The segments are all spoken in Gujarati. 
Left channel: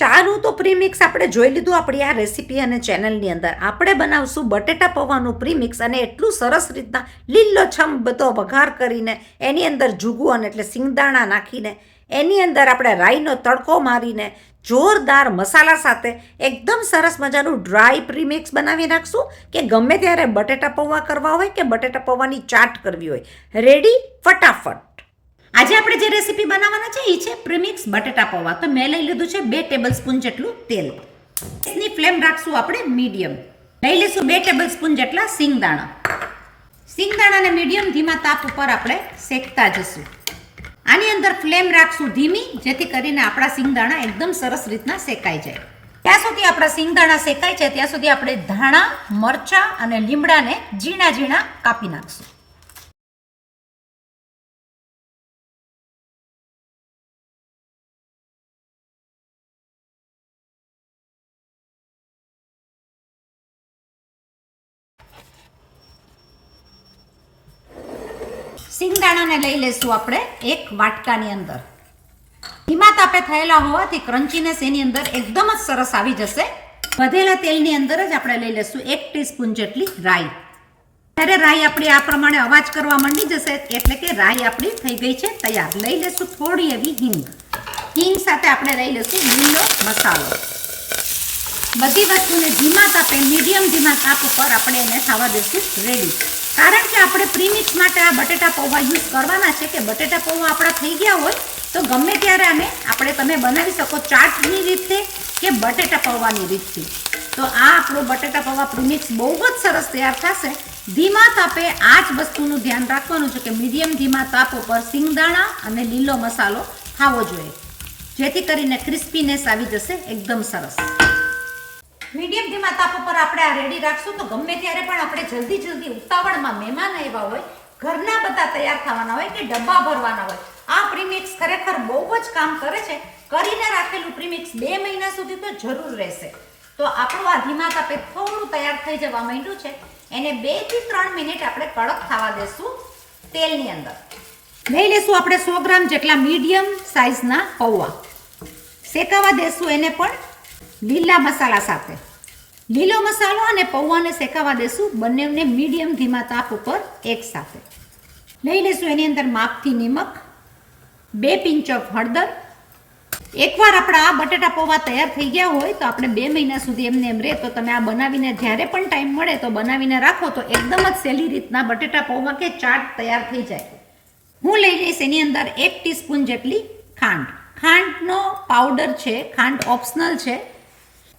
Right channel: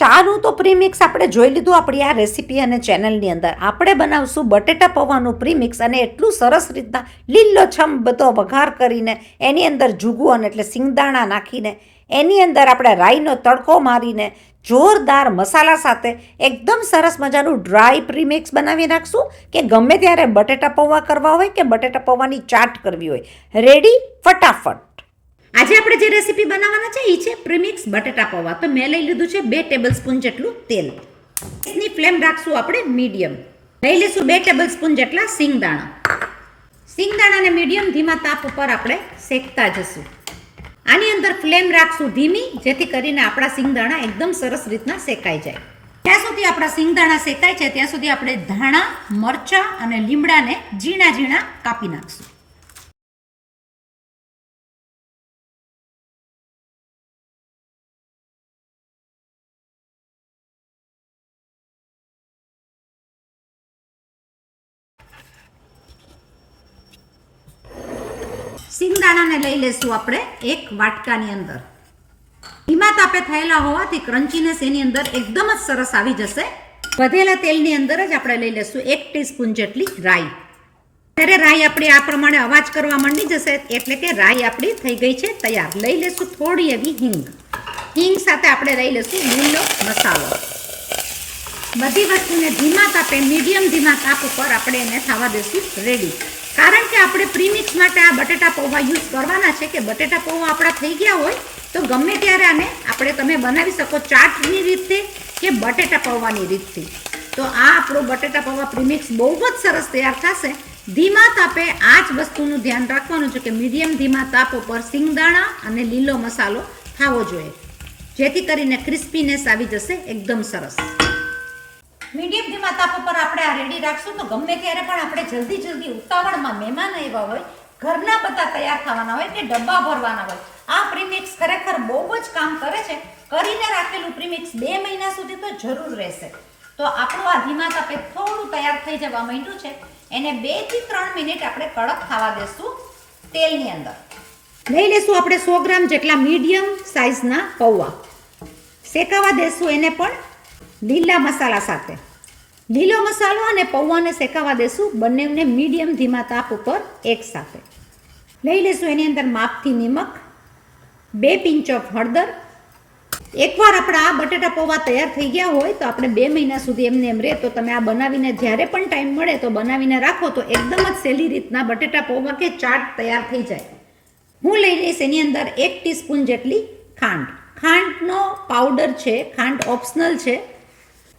ચાનું તો પ્રીમિક્સ આપણે જોઈ લીધું આપણી આ રેસીપી અને ચેનલની અંદર. આપણે બનાવશું બટેટા પૌવાનું પ્રીમિક્સ અને એટલું સરસ રીતના લીલોછમ બધો વઘાર કરીને એની અંદર જુગુઅન એટલે સિંગદાણા નાખીને એની અંદર આપણે રાઈનો તડકો મારીને જોરદાર મસાલા સાથે એકદમ સરસ મજાનું ડ્રાય પ્રીમિક્સ બનાવી નાખશું કે ગમે ત્યારે બટેટા પૌવા કરવા હોય કે બટેટા પૌવાની ચાટ કરવી હોય, રેડી ફટાફટ. આજે આપણે જે રેસીપી બનાવવાના છે એ છે પ્રીમિક્સ બટેટા પૌવા. તો મેં લઈ લીધું છે 2 ટેબલસ્પૂન જેટલું તેલ. ગેસની ફ્લેમ રાખશું આપણે મીડિયમ. લઈ લઈશું 2 ટેબલસ્પૂન જેટલા સિંગદાણા. સિંગદાણાને મીડિયમ ધીમા તાપ ઉપર આપણે શેકતા જશું. આની અંદર ફ્લેમ રાખશું ધીમી, જેથી કરીને આપણા સિંગદાણા એકદમ સરસ રીતના શેકાઈ જાય. ત્યાં સુધી આપણા સિંગદાણા શેકાય છે ત્યાં સુધી આપણે ધાણા, મરચાં અને લીમડાને ઝીણા ઝીણા કાપી નાખશું. સિંગદાણાને લઈ લેશું આપણે એક વાટકાની અંદર. ધીમા તાપે થયેલા હોવાથી ક્રન્ચીનેસ એની અંદર એકદમ જ સરસ આવી જશે. વધેલા તેલની અંદર જ આપણે લઈ લેશું 1 ટીસ્પૂન જેટલી રાઈ. ત્યારે રાઈ આપણી આ પ્રમાણે અવાજ કરવા માંડી જશે એટલે કે રાઈ આપણી થઈ ગઈ છે તૈયાર. લઈ લેશું થોડી એવી હિંગ. હિંગ સાથે આપણે લઈ લેશું લીલો મસાલો. બધી વસ્તુને ધીમા તાપે મીડિયમ ધીમા તાપ ઉપર આપણે એને થવા દેશું રેડી. કારણ કે આપણે પ્રીમિક્સ માટે આ બટેટા પૌવા યુઝ કરવાના છે કે બટેટા પૌવા આપણા થઈ ગયા હોય તો ગમે ત્યારે આને આપણે તમે બનાવી શકો ચાટની રીતે કે બટેટા પૌવાની રીતથી. તો આ આપણો બટેટા પૌવા પ્રીમિક્સ બહુ જ સરસ તૈયાર થશે. ધીમા તાપે આ જ વસ્તુનું ધ્યાન રાખવાનું છે કે મીડિયમ ધીમા તાપ ઉપર સિંગદાણા અને લીલો મસાલો ખાવો જોઈએ, જેથી કરીને ક્રિસ્પીનેસ આવી જશે એકદમ સરસ. મીડિયમ ધીમા તાપ ઉપર આપણે આ રેડી રાખશું તો ગમે ત્યારે પણ આપણે જલ્દી ઉતાવળમાં મહેમાન આવ્યા હોય, ઘરના બધા તૈયાર થવાના હોય કે ડબ્બા ભરવાના હોય, આ પ્રીમિક્સ ખરેખર બહુ જ કામ કરે છે. કરીને રાખેલું પ્રીમિક્સ 2 મહિના સુધી તો જરૂર રહેશે. તો આપણું આ ધીમા તાપે થોડું તૈયાર થઈ જવા માંડ્યું છે. એને 2 થી 3 મિનિટ આપણે કડક થવા દેશું તેલની અંદર. લઈ લઈશું આપણે 100 ગ્રામ જેટલા મીડિયમ સાઇઝના પૌવા. શેકાવા દેશું એને પણ લીલા મસાલા સાથે. લીલો મસાલો અને પૌવાને શેકાવા દેશું બંનેને મીડિયમ ધીમા તાપ ઉપર એક સાથે. લઈ લેશું એની અંદર માપથી નિમક, 2 પિંચ ઓફ હળદર. એકવાર આપણા આ બટેટા પૌવા તૈયાર થઈ ગયા હોય તો આપણે 2 મહિના સુધી એમને એમ રહે તો તમે આ બનાવીને જ્યારે પણ ટાઈમ મળે તો બનાવીને રાખો તો એકદમ જ સહેલી રીતના બટેટા પૌવા કે ચાટ તૈયાર થઈ જાય. હું લઈ લઈશ એની અંદર 1 ટીસ્પૂન જેટલી ખાંડ. ખાંડનો પાવડર છે, ખાંડ ઓપ્શનલ છે.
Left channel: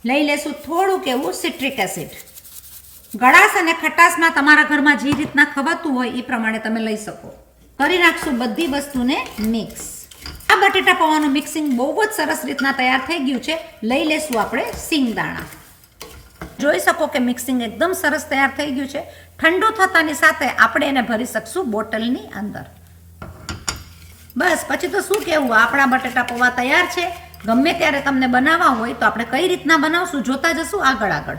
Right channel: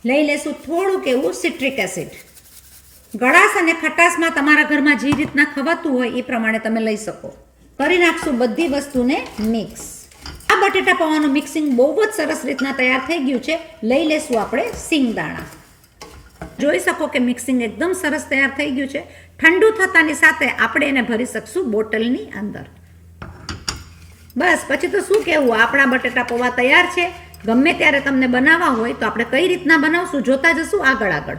લઈ લેશું થોડુંક એવું સિટ્રિક એસિડ. ગળાશ અને ખટાશમાં તમારા ઘરમાં જે રીતના ખવાતું હોય એ પ્રમાણે તમે લઈ શકો. કરી નાખશું બધી વસ્તુને મિક્સ. આ બટેટા પૌવાનું મિક્સિંગ બહુ જ સરસ રીતના તૈયાર થઈ ગયું છે. લઈ લેશું આપણે સિંગદાણા. જોઈ શકો કે મિક્સિંગ એકદમ સરસ તૈયાર થઈ ગયું છે. ઠંડુ થતાની સાથે આપણે એને ભરી શકશું બોટલની અંદર. બસ પછી તો શું કહેવું, આપણા બટેટા પૌવા તૈયાર છે. ગમે ત્યારે તમને બનાવવા હોય તો આપણે કઈ રીતના બનાવશું જોતા જશું આગળ.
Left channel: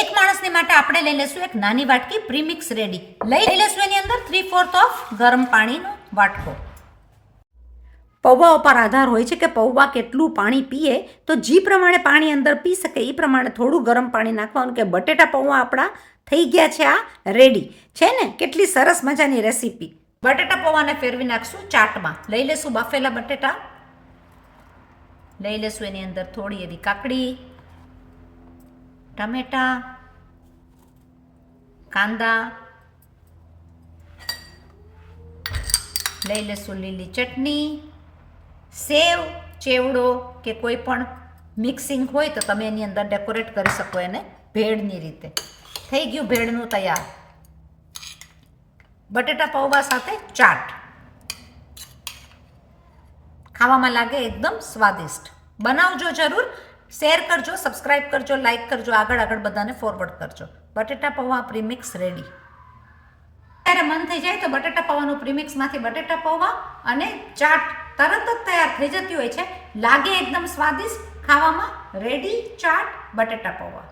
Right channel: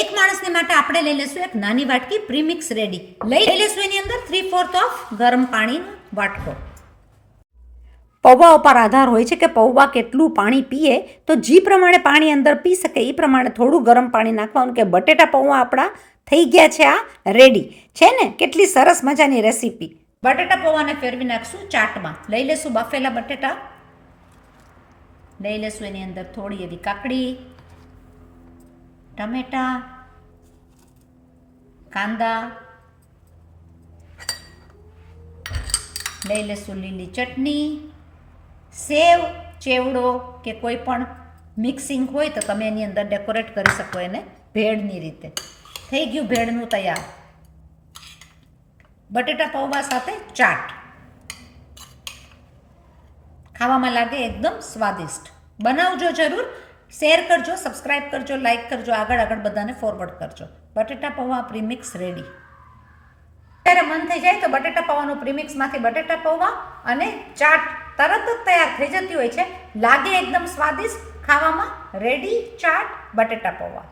એક માણસની માટે આપણે લઈ લેશું એક નાની વાટકી પ્રીમિક્સ રેડી. લઈ લેશું એની અંદર 3/4 ઓફ ગરમ પાણીનો વાટકો. પૌવા ઉપર આધાર હોય છે કે પૌવા કેટલું પાણી પીએ, તો જે પ્રમાણે પાણી અંદર પી શકે એ પ્રમાણે થોડું ગરમ પાણી નાખવાનું કે બટેટા પૌવા આપણા થઈ ગયા છે આ રેડી છે ને. કેટલી સરસ મજાની રેસીપી. બટેટા પૌવાને ફેરવી નાખશું ચાટમાં. લઈ લેશું બફેલા બટેટા. લઈ લેશું એની અંદર થોડી એવી કાકડી, ટમેટા, કાંદા. લઈ લેશું લીલી ચટણી, સેવ, ચેવડો કે કોઈ પણ મિક્સિંગ હોય તો તમે એની અંદર ડેકોરેટ કરી શકો એને ભેળની રીતે. થઈ ગયું ભેળનું તૈયાર બટેટા પૌવા સાથે ચાટ. ખાવામાં લાગે એકદમ સ્વાદિષ્ટ. બનાવજો જરૂર. શેર કરજો, સબસ્ક્રાઇબ કરજો, લાઇક કરજો, આગળ બધાને ફોરવર્ડ કરજો. બટેટા પૌવા પ્રીમિક્સ રેડી. ત્યારે મન થઈ જાય તો બટેટા પૌવાનું પ્રીમિક્સમાંથી બટેટા પૌવા અને ચાટ તરત જ તૈયાર થઈ જતી હોય છે. લાગે એકદમ સ્વાદિષ્ટ. ખાવામાં રેડી ચાટ બટેટા પૌવા.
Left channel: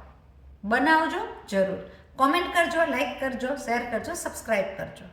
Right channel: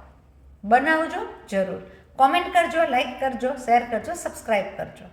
બનાવજો જરૂર. કોમેન્ટ કરજો, લાઇક કરજો, શેર કરજો, સબસ્ક્રાઇબ કરજો.